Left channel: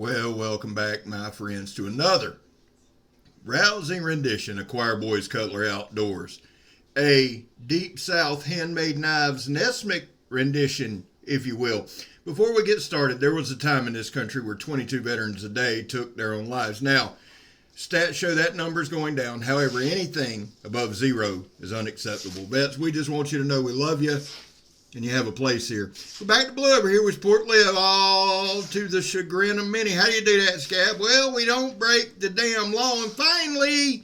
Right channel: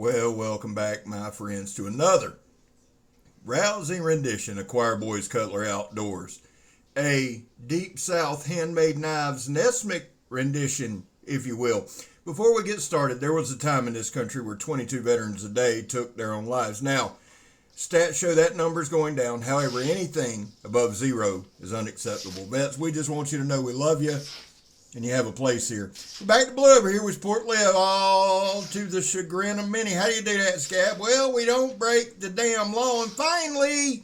Well, welcome back, my friends, to another rousing rendition of Choir Boys Cutlery Outdoors. A Deep South Handmade Knives NESMUK rendition, if you will. Before we get started, there was a time in this country where 22 veterans a day took their own lives. Now, stats show that number's going down. However, anything above zero is unacceptable. Vets, we just want you to know we love you and you have a place here. We're back to Blubber here with Port Live, all to the chagrin of many. How do you do that, Scab? Well, we don't break the damn law. And finally,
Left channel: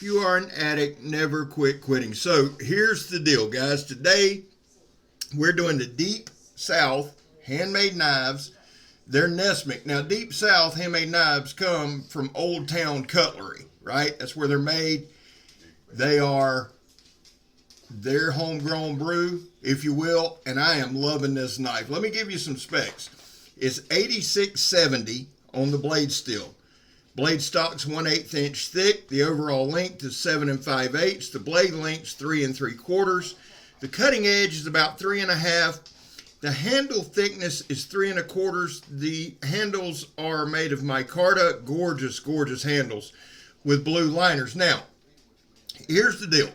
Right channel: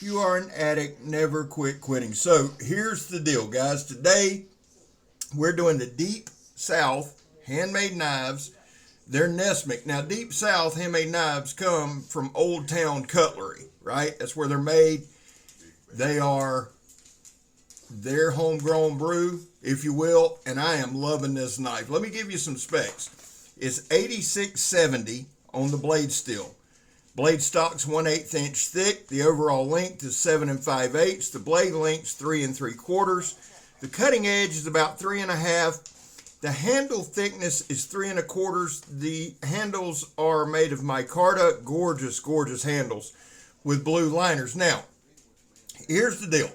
you are an addict, never quit quitting. So here's the deal, guys. Today, we're doing the Deep South Handmade Knives. They're NESMUK. Now, Deep South Handmade Knives come from Old Town Cutlery, right? That's where they're made. They are their homegrown brew, if you will, and I am loving this knife. Let me give you some specs. It's 8670 on the blade steel. Blade stock's 1/8 inch thick. The overall length is 7 5/8. The blade length's 3 3/4. The cutting edge is about 3 1/2. The handle thickness is 3 1/4. The handles are made of MICARTA. Gorgeous, gorgeous handles with blue liners. Now, here's the deal.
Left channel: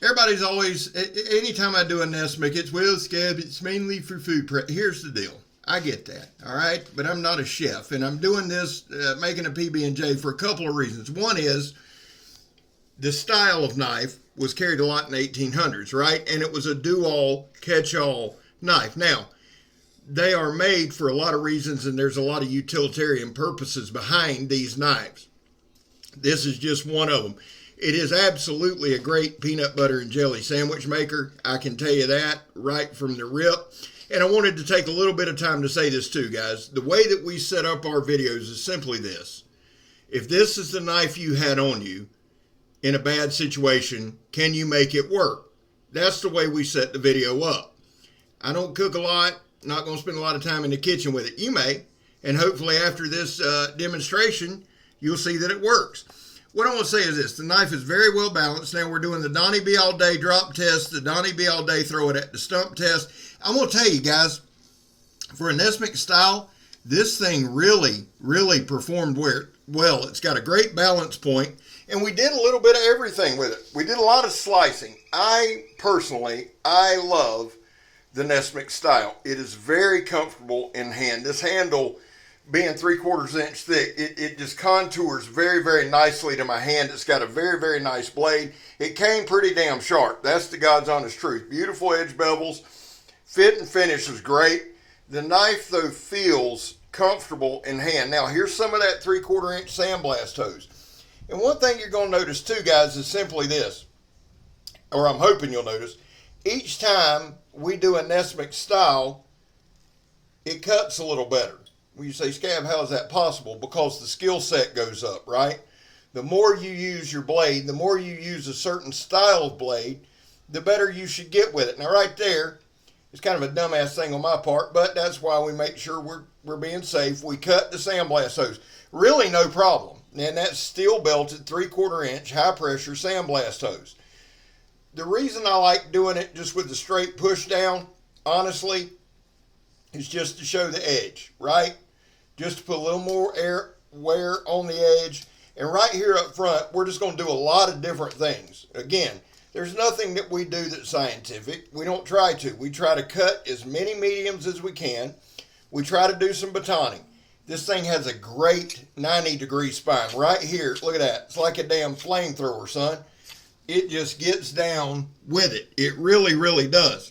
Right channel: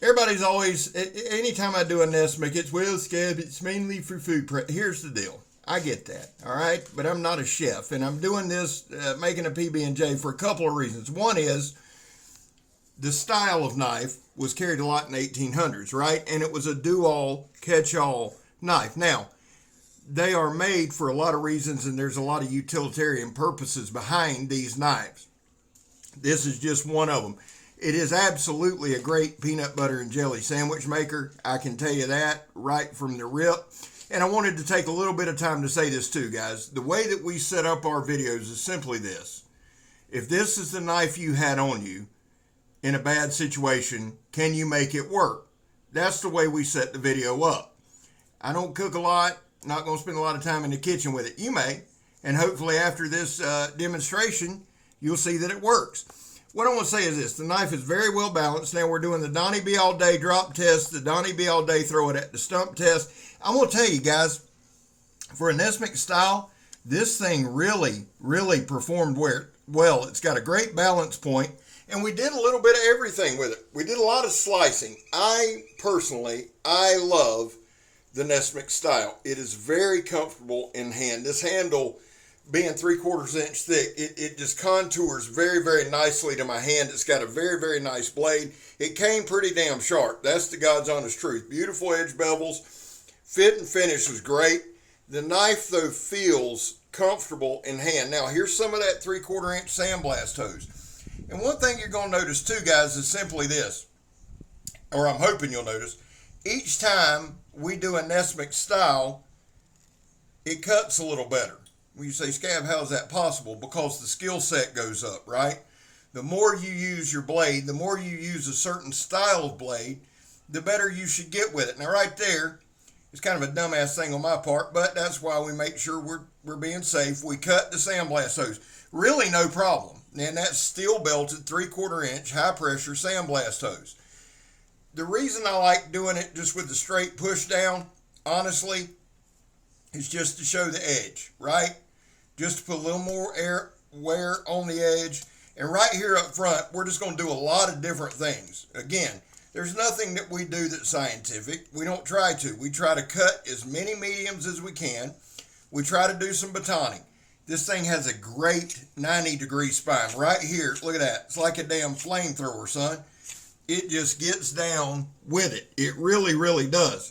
Everybody's always, anytime I do a NESMUK, it's, well, Scab, it's mainly for food prep. Here's the deal. I get that, all right? But I'm not a chef, and I'm doing this, making a PB&J for a couple of reasons. One is the style of knife was carried a lot in the 1800s, right? And it was a do-all, catch-all knife. Now, they are made for a lot of reasons, and there's a lot of utilitarian purposes behind these knives. This is just one of them. It is absolutely a great peanut butter and jelly sandwich maker. I can tell you that right from the rip. And I wanted to take a little bit of time to say this too, guys. The way that we set up our videos is simply this. If this is the knife you had on you in a bad situation, can you make it work? That's the way we set the video up. I don't cook a lot, not going to spend a lot of time in the kitchen with it. You may, and hopefully after this demonstration, you'll see that it works. What I want to say is this. The knife is very well balanced. Now we're doing the Donnie B All-day drop test, the Donnie B All-day throw it at the stump test. I'm going to tell you guys, for a NESMUK style, this thing really, really performed well. It's got a great balance point, and we did a little bit of everything with it. We did a lot of slicing. I love the NESMUK style. It is very comfortable in hand. This handle, being 3/4 inch thick, it just contours very, very nicely to my hand. It's got a very, very nice blade. It came pretty damn sharp. That's the God's honest truth. Beautiful edge bevels. Fit and finish was great. The knife, though, feels comfortable in hand. Now, here's some of that 3/4 inch sandblast hose. And one thing you're going to notice, too, guys, is simply this, or I'm hoping you'll notice. Each time we do a NESMUK style, it cuts a little better. When you say, Scab, how is that possible? Because the skill set goes up, right? The more you use your blade, the more you use a certain style of blade, the better you should get with it. Now, right there, it's kind of a dumbass thing on my part, but that's why we make sure we're being safe. We cut the sandblast hose. Really no problem. And that's steel belted 3/4 inch high pressure sandblast hose. The reason I like doing it just with the straight push down, honestly, is just to show the edge, right? Just to put a little more air wear on the edge. And right here up front, we're just going to do a lot of different things. Again, there's nothing that we do that's scientific. We don't try to. We try to cut as many mediums as we can. We try to do some batoning. This thing has a great 90-degree spine. Right here, look at that. It's like a damn flamethrower, son. It just gets down with it. It really, really does.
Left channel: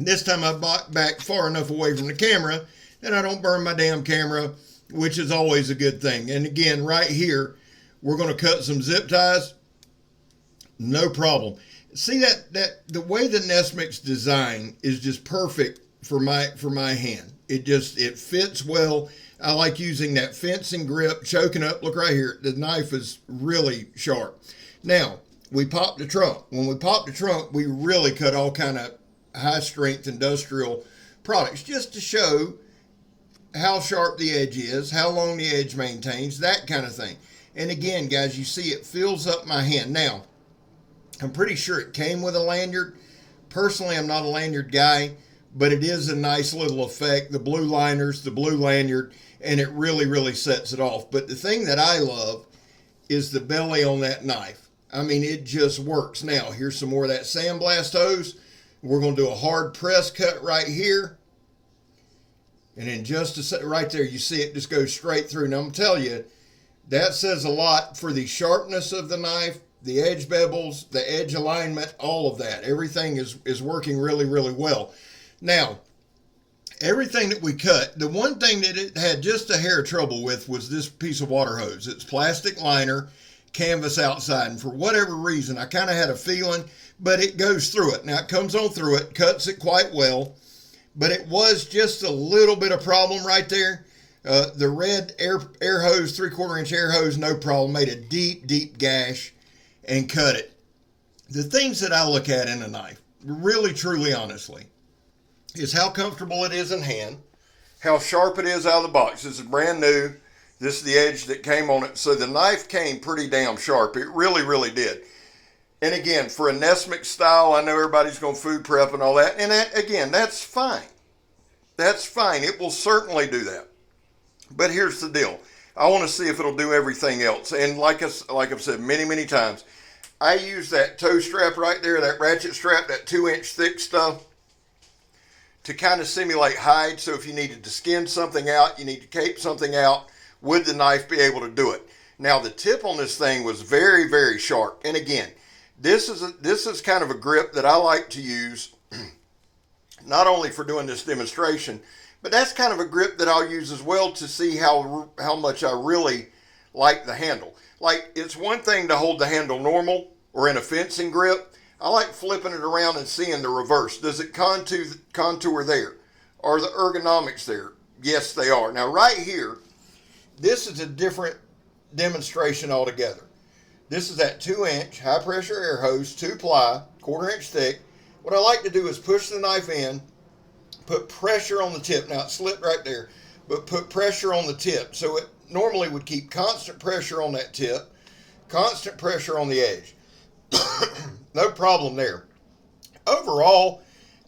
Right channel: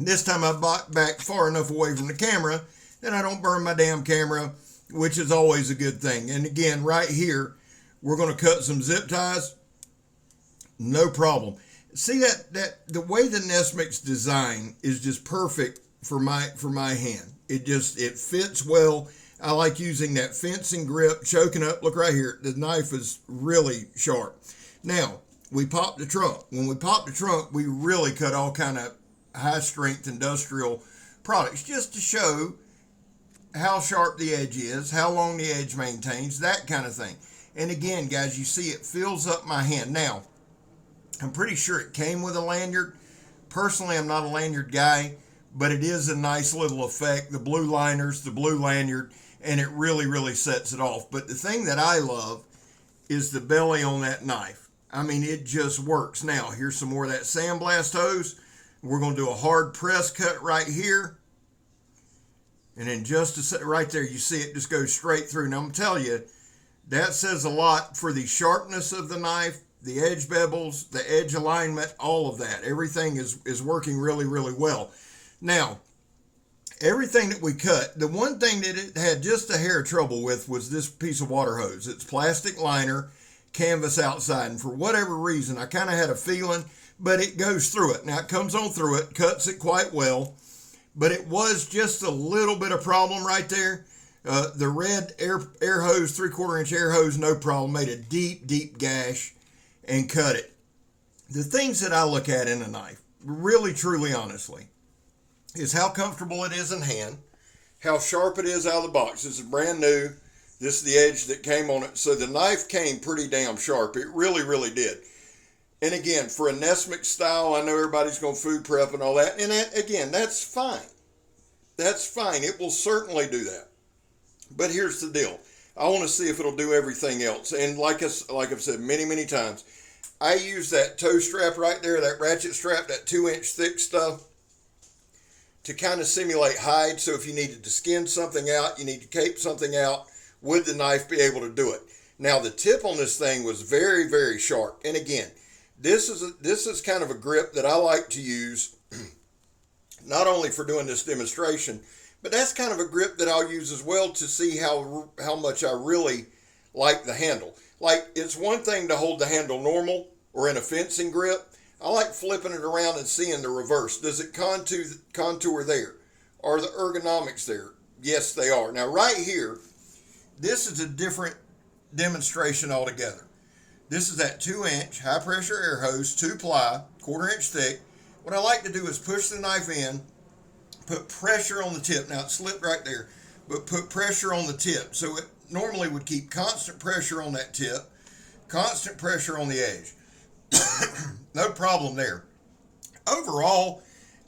This time I back far enough away from the camera that I don't burn my damn camera, which is always a good thing. And again, right here, we're going to cut some zip ties. No problem. See that the way the NESMUK's design is just perfect for my hand. It fits well. I like using that fencing grip, choking up. Look right here. The knife is really sharp. Now, we pop the trunk. When we pop the trunk, we really cut all kind of high-strength industrial products just to show how sharp the edge is, how long the edge maintains, that kind of thing. And again, guys, you see it fills up my hand. Now, I'm pretty sure it came with a lanyard. Personally, I'm not a lanyard guy, but it is a nice little effect. The blue liners, the blue lanyard, and it really, really sets it off. But the thing that I love is the belly on that knife. I mean, it just works. Now, here's some more of that sandblast hose. We're going to do a hard press cut right here. And in just a second, right there, you see it just goes straight through. Now, I'm telling you, that says a lot for the sharpness of the knife, the edge bevels, the edge alignment, all of that. Everything is working really, really well. Now, everything that we cut, the one thing that it had just a hair of trouble with was this piece of water hose. It's plastic liner, canvas outside, and for whatever reason, I kind of had a feeling, but it goes through it. Now, it comes on through it, cuts it quite well, but it was just a little bit of problem right there. The red air hose, 3/4 inch air hose, no problem, made a deep, deep gash and cut it. The things that I look at in a knife, really, truly, honestly, is how comfortable it is in hand, how sharp it is out of the box. This is brand new. This is the edge that came on it. So the knife came pretty damn sharp. It really, really did. And again, for a NESMUK style, I know everybody's going to food prep and all that. And that, again, that's fine. That's fine. It will certainly do that. But here's the deal. I want to see if it'll do everything else. And like I've said many, many times, I use that toe strap right there, that ratchet strap, that 2-inch thick stuff, to kind of simulate hide. So if you needed to skin something out, you need to cape something out, would the knife be able to do it? Now, the tip on this thing was very, very sharp. And again, this is kind of a grip that I like to use, not only for doing this demonstration, but that's kind of a grip that I'll use as well to see how much I really like the handle. Like, it's one thing to hold the handle normal or in a fencing grip. I like flipping it around and seeing the reverse. Does it contour there? Are the ergonomics there? Yes, they are. Now, right here, this is a different demonstration altogether. This is that 2-inch high-pressure air hose, 2-ply, 1/4 inch thick. What I like to do is push the knife in, put pressure on the tip. Now, it slipped right there, but put pressure on the tip. So it normally would keep constant pressure on that tip, constant pressure on the edge. No problem there. Overall,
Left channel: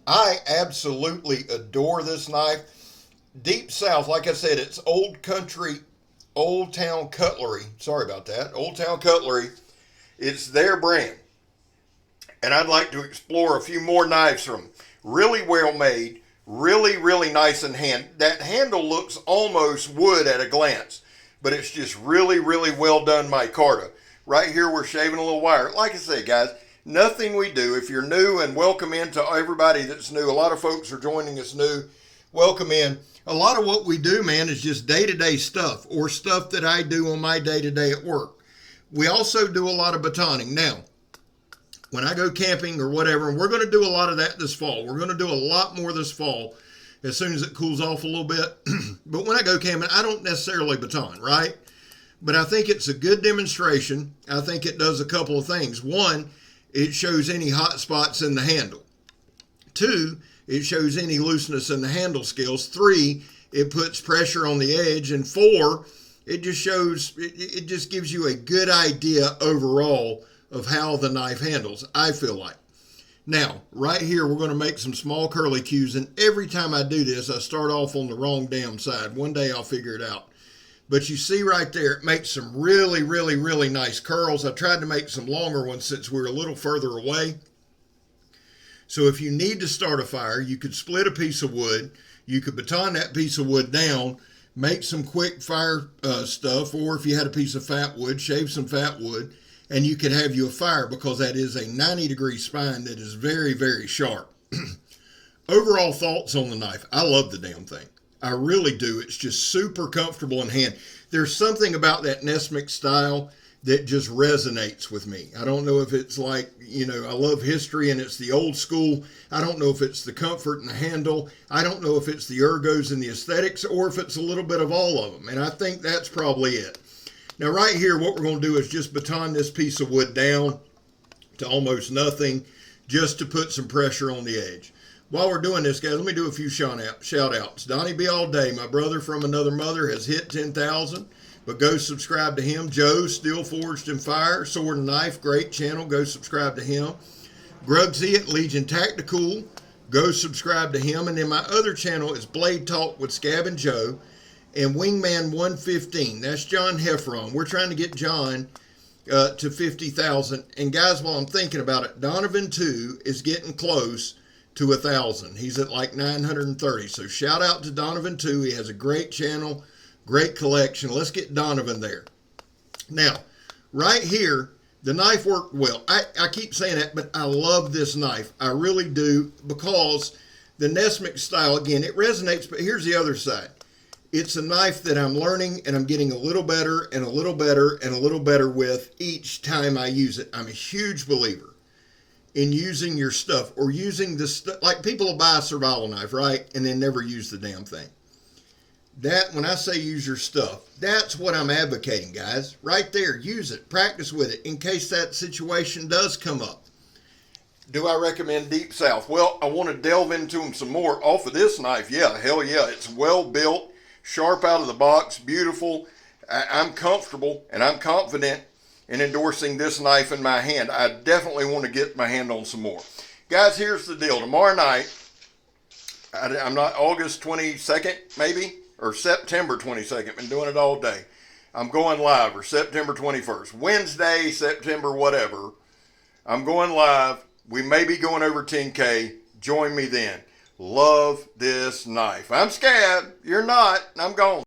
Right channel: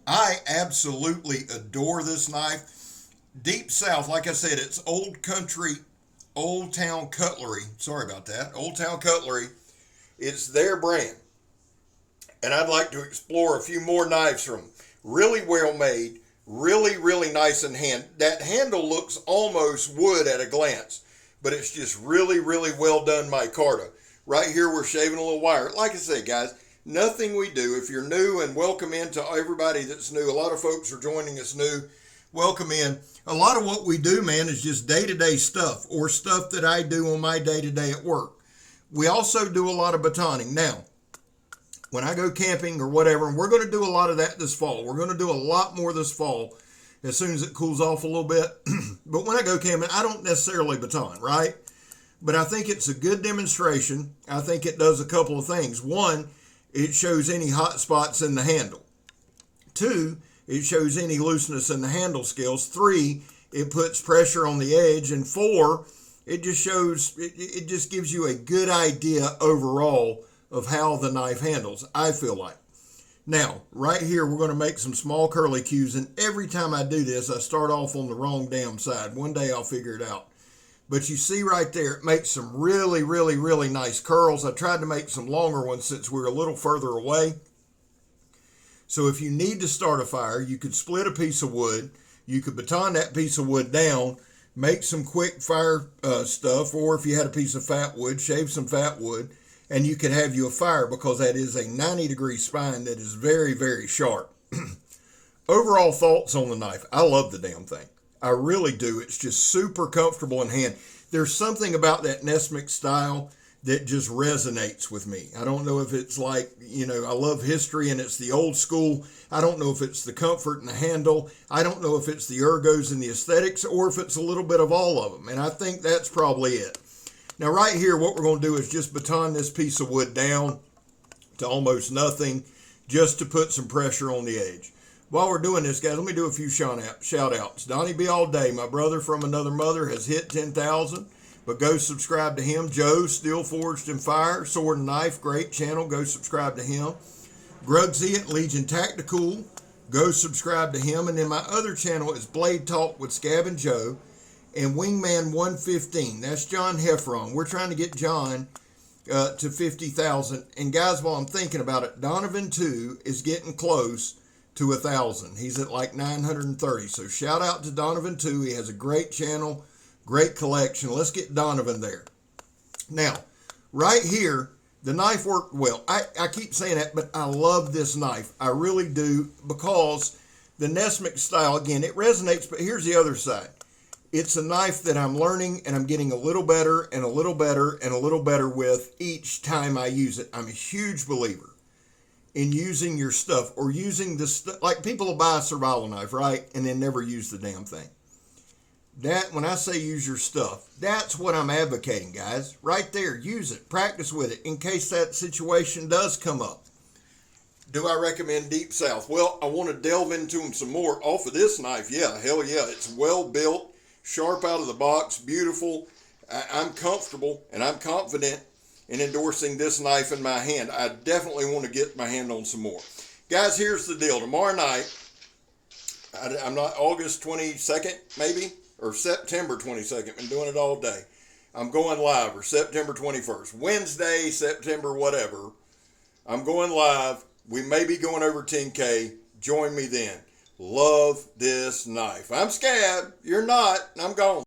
I absolutely adore this knife. Deep South, like I said, it's Old Country, Old Town Cutlery. Sorry about that. Old Town Cutlery. It's their brand. And I'd like to explore a few more knives from them. Really well made. Really, really nice in hand. That handle looks almost wood at a glance, but it's just really, really well done micarta. Right here, we're shaving a little wire. Like I say, guys, nothing we do. If you're new, and welcome in to everybody that's new. A lot of folks are joining us new. Welcome in. A lot of what we do, man, is just day-to-day stuff or stuff that I do on my day-to-day at work. We also do a lot of batoning. Now, when I go camping or whatever, and we're going to do a lot of that this fall. We're going to do a lot more this fall as soon as it cools off a little bit. But when I go camping, I don't necessarily baton, right? But I think it's a good demonstration. I think it does a couple of things. One, it shows any hot spots in the handle. 2, it shows any looseness in the handle scales. 3, it puts pressure on the edge. And 4, it just shows, it just gives you a good idea overall of how the knife handles, I feel like. Now, right here, we're going to make some small curly cues. And every time I do this, I start off on the wrong damn side. One day I'll figure it out. But you see right there, it makes some really, really, really nice curls. I tried to make some longer ones since we're a little further away. So if you need to start a fire, you could split a piece of wood. You could baton that piece of wood down, make some quick fire stuff, or if you had a piece of fat wood, shave some fat wood, and you could have you a fire, because that is a 90-degree spine that is very, very sharp. Overall thoughts on the knife. I love the damn thing. I really do. It's just super comfortable in hand. There's something about that NESMUK style that just resonates with me. I don't know if it's like, you know, I love history and it's the old school. I don't know if it's the comfort and the handle. I don't know if it's the ergos and the aesthetics, or if it's a little bit of all of them. And I think that's probably it. Now right here, what we're going to do is just baton this piece of wood down to almost nothing, just to put some pressure on the edge. While we're doing this, guys, let me do a few shout outs. Donnie B All-day, my brother from another mother, has hit 10,000, but go subscribe to him. Joe, Steel Forged in Fire, Sword and Knife, great channel. Go subscribe to him. Grugsy at Legion Tactical, Go subscribe to him. And then my other channel is Blade Talk with Scab and Joe and Wingman 115. That's John Heffron. We're trying to get John to 50,000. And guys, while I'm thinking about it, Donovan 2 is getting close to 1,000. He's at like 930. So shout out to Donovan 2. He has a great channel, great collection. Let's get Donovan there. Now, right here, the knife worked well. I keep saying that, but I love this knife. I really do, because the NESMUK style, again, it resonates, but here's the other side. It's a knife that I'm learning and I'm getting a little better and a little better and a little better with each time I use it. I'm a huge believer in using your stuff, or using the stuff. Like, people will buy a survival knife, right, and then never use the damn thing. That, when I say use your stuff, that's what I'm advocating, guys. Right there, use it, practice with it in case that situation does come up. Do I recommend Deep South? Well, I want to delve into them some more. Off of this knife, yeah, hell yeah. It's well built, sharp out of the box, beautiful. I'm comfortable and I'm confident in endorsing this knife in my hand. I definitely want to get my hand on some more. Guys, here's the deal. Tomorrow night, I'm not, August 22nd, maybe? Or September 22nd, been doing it all day. I'm going live, or September 21st. Wednesday, September, whatever. I'm going live. We may be going over 10K. Join me then. Love this knife. I'm Scab. You're not. I'm gone.